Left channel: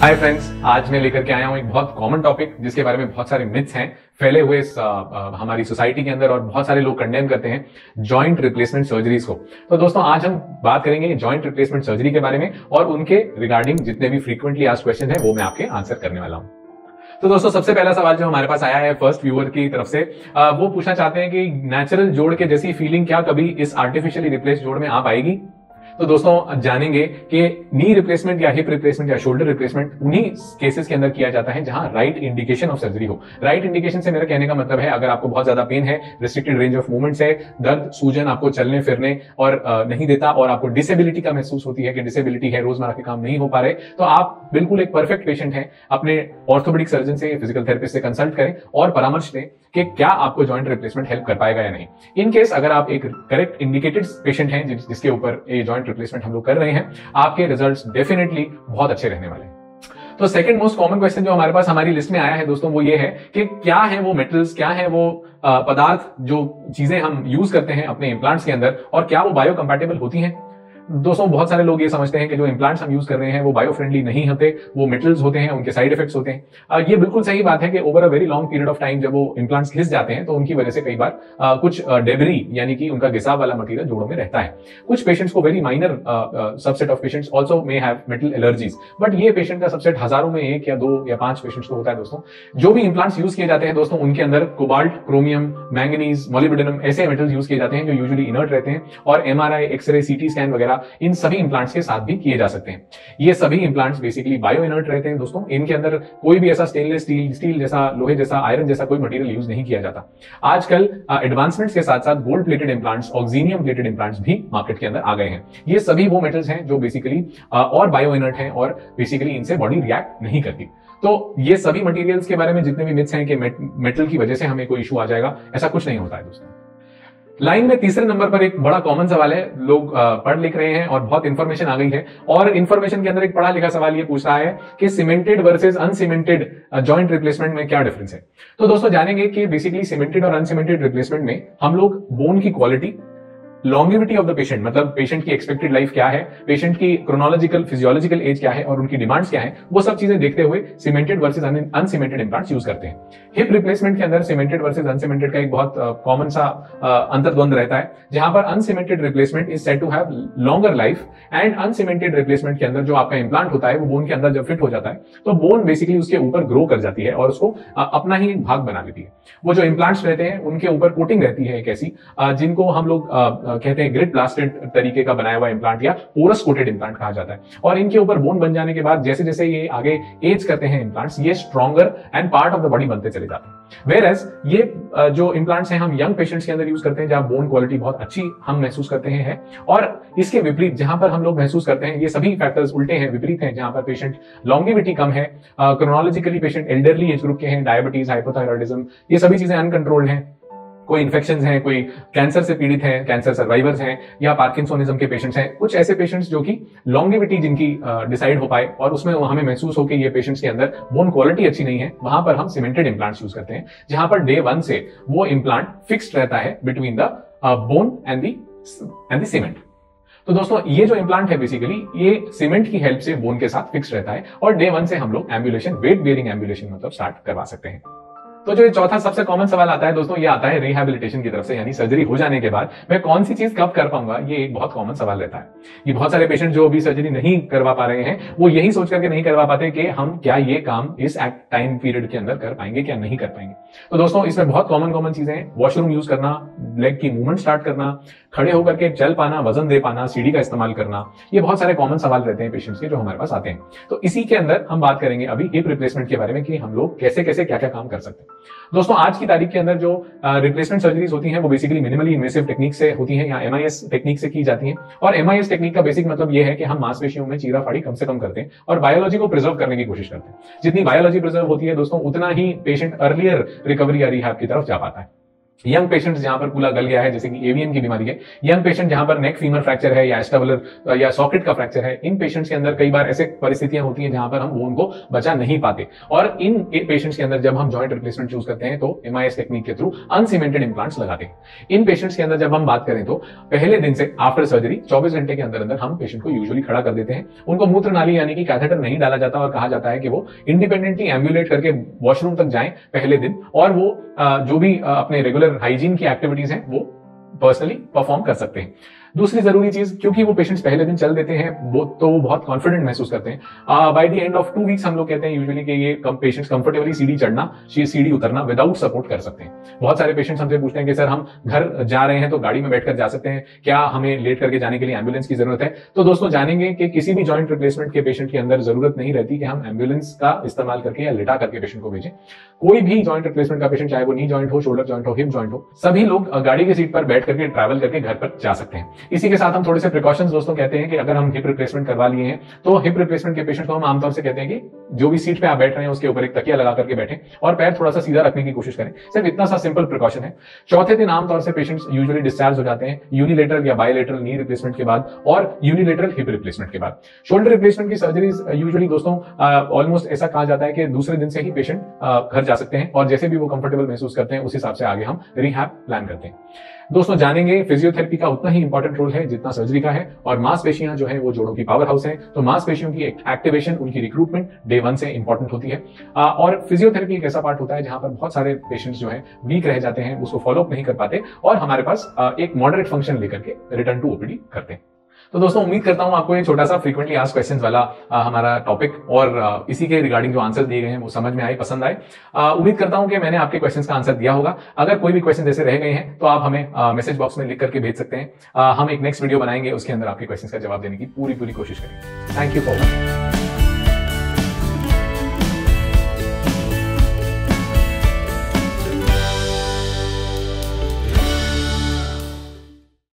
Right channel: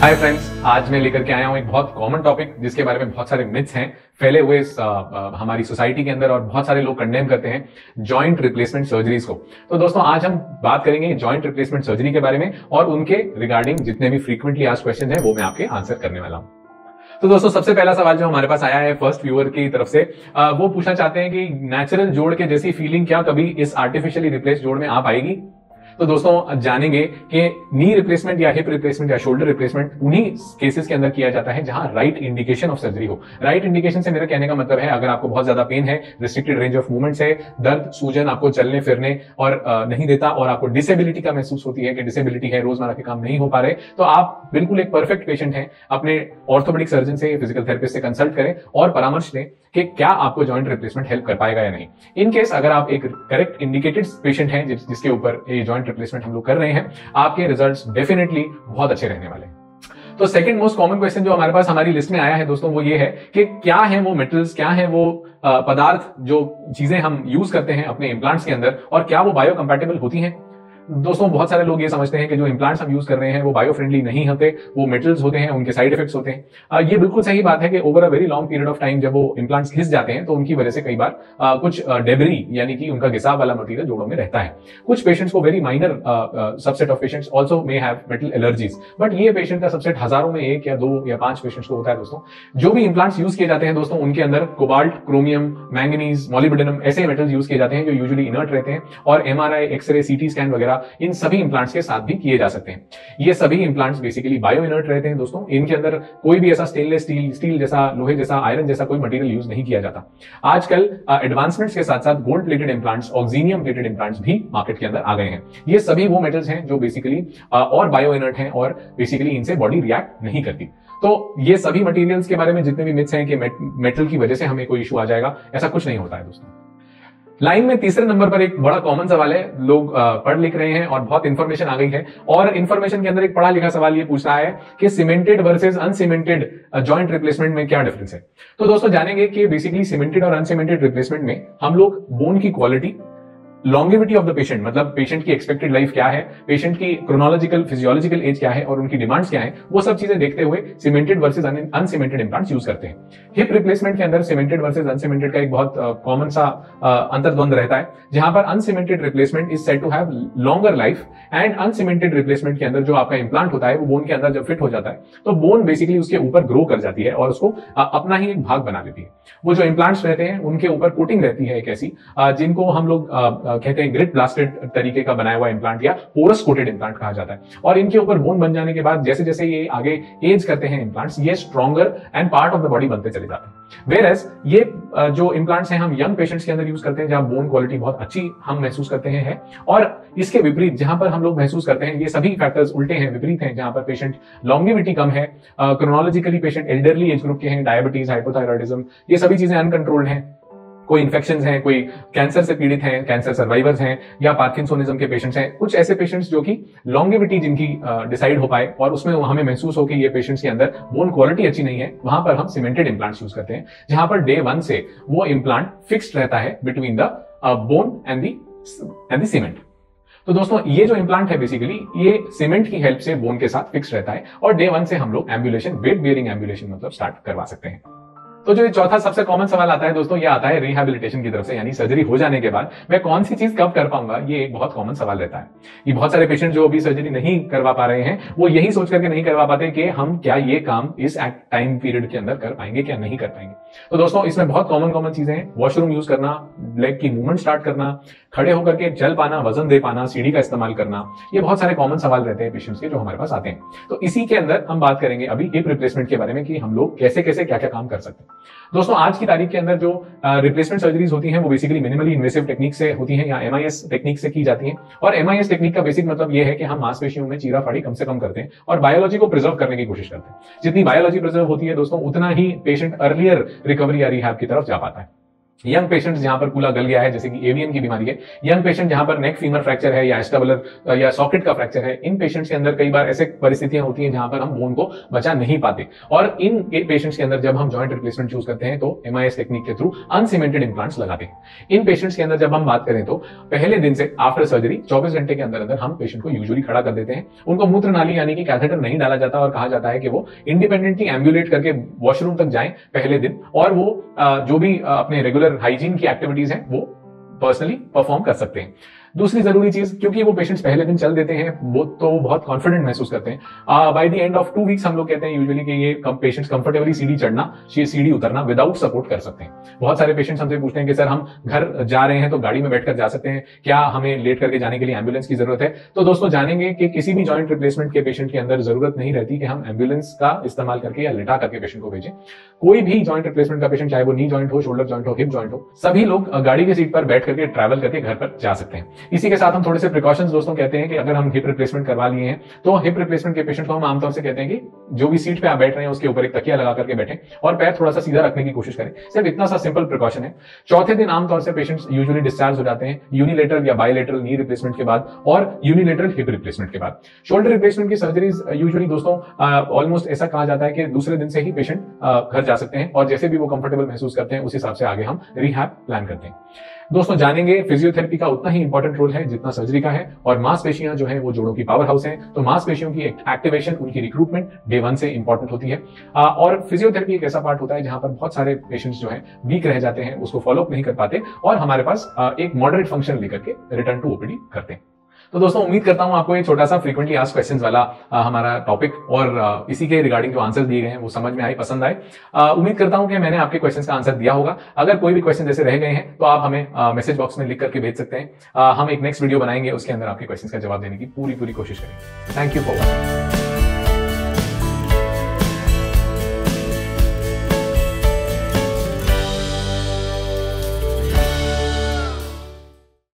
Hi friends, आज मैं लेकर के आया हूं एक बहुत कॉमन टॉपिक जिसके बारे में बहुत सारे मिथ्स हैं फैले हुए हमारी सोसाइटी के अंदर और बहुत सारे लोग कंडेम करते हैं जॉइंट रिप्लेसमेंट सर्जरीज को। तो दोस्तों आज हम बात करेंगे जॉइंट रिप्लेसमेंट सर्जरी के बारे में और उनके रिगार्डिंग जितने भी फ्रीक्वेंटली आस्क्ड क्वेश्चन है वो मैं आपके आंसर करने वाला हूं। तो दोस्तों सबसे पहला सवाल जो हमारे पास आया है फर्स्ट व्यूअर की तरफ से, वो पूछना चाहते हैं कि नेचुरल जोड़ के जैसी फीलिंग क्या कभी इस आर्टिफिशियली रिप्लेस जोड़ में आ पाएगी। तो दोस्तों जानेंगे कि नी रिप्लेसमेंट या हिप रिप्लेसमेंट या शोल्डर रिप्लेसमेंट उन्हीं केसेस के अंदर किया जाता है जहां राइट इंडिकेशन ऑफ सर्जरी हो। राइट इंडिकेशन से मेरा कहने का मतलब है अगर आपको बहुत ज्यादा पेन है, रिस्ट्रिक्टेड रेंज ऑफ मूवमेंट्स है, दर्द सूजन आपको चलने फिरने और नहीं देता और आपको डिसेबिलिटी का महसूस होती है कि डिसेबिलिटी है, रोजमर्रा के काम नहीं हो पा रहे, तो आप बिल्कुल एक परफेक्ट पेशेंट हैं। अपने ऑर्थोपेडिक सर्जन से, फिजिकल थेरेपिस्ट से कंसल्ट करें और परामर्श लें कि क्या आपको जॉइंट रिप्लेसमेंट हेल्प कर पाएगा या नहीं। इन केस अगर आप एक करेक्ट इंडिकेटेड पेशेंट हैं जिसके ऊपर ये जॉइंट रिप्लेसमेंट हम लोग कर रहे हैं, आपके रिजल्ट्स डेफिनेटली बहुत अच्छे रहने वाले हैं। तो सेकंड मोस्ट कॉमन क्वेश्चन जो हमारे पास हमारी लिस्ट में आया है दोस्तों वो ये है कि क्या है वो मेटल्स, क्या है वो पदार्थ जो चीजें हम यूज करते हैं अपने इम्प्लांट्स के अंदर और क्या वो बायो कंपैटिबल होती हैं। दोस्तों बहुत सारे लोग ये समझते हैं कि जो इम्प्लांट्स हम यूज कर रहे हैं वो बायो फ्रेंडली नहीं होते, वो मेटल्स होते हैं, उनके साइड इफेक्ट्स होते हैं। ये बिल्कुल सही बात है कि over a very long period of time जब वो इम्प्लांट्स घिस जाते हैं तो उनकी वजह से कई बार कुछ डेब्री यानी कि उनका घिसाव वाला मटेरियल जोड़ों में रहता है। कुछ पेशेंट्स को, very minor subset of patients also may have metal allergies, but ये पेशेंट का सबसेट हजारों में एक या दो या पांच पेशेंट्स को होता है। दोस्तों जो भी इम्प्लांट्स यूज किए जाते हैं दोस्तों उनके अंदर कोबाल्ट, क्रोमियम, मैंगनीज, मोलिब्डेनम ऐसे मेटल्स यूज किए जाते हैं जो यूजुअली इनर्ट रहते हैं और एमआरआई, एक्सरे, सीटी स्कैन वगैरह इन सभी के साथ भी किए जा सकते हैं। ये सभी इम्प्लांट्स बेसिकली बायो इनर्ट रहते हैं दोस्तों। इनके अंदर कोई भी ऐसा स्टेनलेस स्टील जैसा, लोहे जैसा, आयरन जैसा कोई मटेरियल यूज नहीं किया जाता। आजकल एडवांसमेंट्स के साथ साथ gold plated implants, oxinium plated implants भी मार्केट के अंदर आ गए हैं। ये सभी वो मेटल्स हैं जो बेसिकली और बायो इनर्ट हैं और बेसिकली इनसे बॉडी रिएक्ट नहीं करती। तो ये सभी मटेरियल्स के बारे में जितने भी मिथ्स हैं कि मेटल की वजह से हमें कोई इशू आ जाएगा, ऐसा कुछ नहीं होता है दोस्तों। लाइन में तीसरे नंबर पर एक बड़ा कॉमन सवाल है, लोग पढ़ लिख रहे हैं और बहुत इंफॉर्मेशन आ गई है और इंफॉर्मेशन के अंदर एक पढ़ा लिखा सवाल ये पूछ रहा है कि cemented versus uncemented joint replacement में क्या डिफरेंस है। तो दोस्तों जानेंगे कि बेसिकली सीमेंटेड और अनसीमेंटेड रिप्लेसमेंट में हम लोग बोन की quality, longevity of the patient, मतलब पेशेंट की एक्सपेक्टेड लाइफ क्या है, पेशेंट की क्रोनोलॉजिकल फिजियोलॉजिकल एज क्या है और उनकी डिमांड्स क्या है, वो सब चीजें देखते हुए cemented versus uncemented implants use करते हैं। हिप रिप्लेसमेंट के अंदर सीमेंटेड वर्सेस अनसीमेंटेड का एक बहुत कॉमन सा अंतर्द्वंद रहता है, जहां पर uncemented replacement is said to have longer life and uncemented replacement के अंदर जो आपका इम्प्लांट होता है वो बोन के अंदर जब फिट हो जाता है तो बोन बेसिकली उसके ऊपर ग्रो कर जाती है और उसको अपना ही एक भाग बना देती है। वो जो इम्प्लांट्स रहते हैं उनके ऊपर कोटिंग रहती है एक ऐसी, जिनको हम लोग कहते हैं ग्रिड ब्लास्टेड तरीके का बनाया हुआ इम्प्लांट या पोरस कोटेड इम्प्लांट कहा जाता है। और इनके ऊपर बोन बन जाने के बाद जैसे जैसे ये आगे एज करते हैं इम्प्लांट्स, ये stronger and part of the body बनते चले जाते हैं। Whereas ये जो इम्प्लांट्स हैं हम यंग पेशेंट्स के अंदर यूज करते हैं जहां बोन क्वालिटी बहुत अच्छी हम महसूस करते हैं, और इसके विपरीत जहां पर हम लोग महसूस करते हैं ये सभी फैक्टर्स उल्टे हैं, विपरीत हैं, जहां पर पेशेंट लॉन्गिविटी कम है, chronologically patient elderly age group के हैं, डायबिटीज, हाइपोथायरॉयडिज्म, ये सभी चीजें अनकंट्रोल्ड हैं, कोई इन्फेक्शंस हैं, कोई कैंसर से पीड़ित हैं, कैंसर सर्वाइवर्स हैं या पार्किंसोनिज्म के पेशेंट्स हैं, कुछ ऐसे पेशेंट्स जो कि लॉन्गिविटी जिनकी डिसाइड हो पाए और उसमें हमें महसूस हो कि ये पेशेंट्स के अंदर बोन क्वालिटी अच्छी नहीं है, वहां पर हम सीमेंटेड इम्प्लांट्स यूज करते हैं जहां पर डे 1 से वो इम्प्लांट फिक्स्ड रहता है between the bone and the cement. तो दोस्तों ये जो इम्प्लांट है बेसिकली ये सीमेंट की हेल्प से बोन के साथ फिक्स रहता है और डे 1 से हम लोग एम्बुलेशन, वेट बेयरिंग एम्बुलेशन मतलब स्टार्ट करवा सकते हैं। तो जो चौथा सबसे कॉमन सवाल आता है दोस्तों, ये आता है रिहैबिलिटेशन की तरफ से, यानी सर्जरी हो जाने के बाद मैं कौन सी चीज कब कर पाऊंगा। ये एक बहुत कॉमन सवाल रहता है। ये बहुत सारे पेशेंट जो अभी सर्जरी नहीं करवा पा रहे हैं वो यही सोच करके नहीं करवा पाते कि हम क्या ये काम इस टाइम पीरियड के अंदर कर पाएंगे क्या नहीं कर पाएंगे। तो दोस्तों इसमें बहुत कॉमन चीजें हैं, वॉशरूम यूज करना, लेग की मूवमेंट स्टार्ट करना, खड़े होकर के चल पाना, वजन दे पाना, सीढ़ी का इस्तेमाल करना, ये बहुत सारे कॉमन सवाल रहते हैं पेशेंट्स के जो हमारे पास आते हैं। तो इसी के अंदर हम बात करेंगे अभी हिप रिप्लेसमेंट के बारे में कि हम लोग कैसे कैसे क्या क्या काम कर सकते हैं। दोस्तों आज की तारीख के अंदर जो रिप्लेसमेंट सर्जरीज होती हैं वो बेसिकली मिनिमली इन्वेसिव टेक्निक से होती हैं या एमआईएस टेक्निक से की जाती हैं। और एमआईएस टेक्निक का बेसिक मतलब ये है कि हम मांसपेशियों में चीरा फाड़ी कम से कम करते हैं और बायोलॉजी को प्रिजर्व करने की कोशिश करते हैं। जितनी बायोलॉजी प्रिजर्व होती है दोस्तों उतना ही पेशेंट अर्लियर रिकवरी या रिहैब की तरफ जा पाता है। यंग पेशेंट्स जहां पर कूला गल गया है, जैसे कि एवियन की बीमारी है, यंग पेशेंट जहां पर नेक फीमर फ्रैक्चर है या एस्टेबुलर या सॉकेट का फ्रैक्चर है, इन पेशेंट्स के अंदर कई बार ऐसे परिस्थितियां होती हैं जहां पर हम बोन को बचा नहीं पाते। और इन पेशेंट्स के अंदर जब हम जॉइंट रिप्लेसमेंट चूज करते हैं तो MIS टेक्निक के थ्रू अनसीमेंटेड इंप्लांट्स लगाते हैं। इन पेशेंट्स के अंदर जब हम बात करें तो पहले दिन से आफ्टर सर्जरी 24 घंटे के अंदर अंदर हम पेशेंट को यूजुअली खड़ा कर देते हैं। उनको मूत्र नाली यानी कि कैथेटर नहीं डाला जाता और कहा जाता है कि वो इंडिपेंडेंटली एम्बुलेट करके वॉशरूम तक जाएं पहले दिन, और वो जो भी अपने रेगुलर हाइजीन की एक्टिविटीज हैं वो पर्सनली परफॉर्म कर सकते हैं। दूसरी जरूरी चीज, क्योंकि वो पेशेंट्स पहले दिन चल देते हैं वो तो बहुत कॉन्फिडेंट महसूस करते हैं। By the end of 2 weeks हम लोग कहते हैं यूजुअली कि ये पेशेंट्स कंफर्टेबली सीढ़ी चढ़ना, सीढ़ी उतरना विदाउट सपोर्ट कर सकते हैं। बहुत सारे पेशेंट्स हमसे पूछते हैं कि सर हम घर जा रहे हैं तो गाड़ी में बैठकर जा सकते हैं, क्या हमें लेट करके जाने के लिए एम्बुलेंस की जरूरत है? तो दोस्तों जानेंगे कि किसी भी जॉइंट रिप्लेसमेंट के पेशेंट के अंदर जरूरत नहीं रहती कि हम एम्बुलेंस का इस्तेमाल करके या लिटा करके पेशेंट को भेजें। कोई भी जॉइंट रिप्लेसमेंट का पेशेंट, चाहे वो नी जॉइंट हो, शोल्डर जॉइंट हो, हिप जॉइंट हो, सभी लोग गाड़ी की सीट पर बैठ करके ट्रैवल करके घर पर जा सकते हैं। इसी के साथ हम थोड़े से प्रिकॉशंस दोस्तों कहते हैं कि अगर हम हिप रिप्लेसमेंट करवा लिए हैं तो हिप रिप्लेसमेंट के पेशेंट को हम आमतौर से कहते हैं कि जो भी सीट पे आप बैठ रहे हैं उसके ऊपर एक तकिया लगा करके बैठें और पैर थोड़ा सा सीधा रखने की कोशिश करें। सिर्फ इतना सा सिंपल प्रिकॉशन है। चौथे दिन आमतौर से पेशेंट्स यूजुअली डिस्चार्ज हो जाते हैं यूनिलेटरल या बायलेटरल नी रिप्लेसमेंट के बाद और यूनिलेटरल हिप रिप्लेसमेंट के बाद। शोल्डर रिप्लेसमेंट की सर्जरीज यूजुअली दोस्तों ऑलमोस्ट ऐसा कहा जाता है कि दूसरे दिन से ही पेशेंट घर जा सकते हैं और जैसे भी वो कंफर्टेबल महसूस करते हैं उस हिसाब से आगे हम रिहैब प्लान करते हैं। दोस्तों जानेंगे फिजियोथेरेपी का उतना ही इंपॉर्टेंट रोल है जितना सर्जरी का है, और मांसपेशियां जो है वो जोड़ों की पावर हाउस है, तो मांसपेशियों की एक्टिवेशन, उनकी रिक्रूटमेंट डे 1 से इंपॉर्टेंट होती है। और फिजियोथेरेपी एक ऐसा पार्ट होता है जहां पर बहुत सारे पेशेंट्स जो है वीक रह जाते हैं, उसको फॉलो अप नहीं कर पाते और हमारे पास एक मॉडरेट फंक्शन लेकर के रिटर्न टू ओपीडी करते हैं। तो दोस्तों उम्मीद करता हूं आपको ये छोटा सा फ्रीक्वेंटली आस्क्ड क्वेश्चंस वाला हमारा टॉपिक और इसी के रिगार्डिंग जो आंसर दिए गए हैं वो समझ में आए, पसंद आए। उम्मीद करता हूं कि मैंने आपके क्वेश्चंस का आंसर दिया होगा। अगर कोई भी क्वेश्चन जैसे रह गए हैं तो आप हमें मैसेज बॉक्स में लिख करके भेज सकते हैं। हम एक नेक्स्ट वीडियो बनाएंगे, उसके अंदर आपके क्वेश्चंस का जवाब देने की पूरी कोशिश करेंगे। Thank you for watching.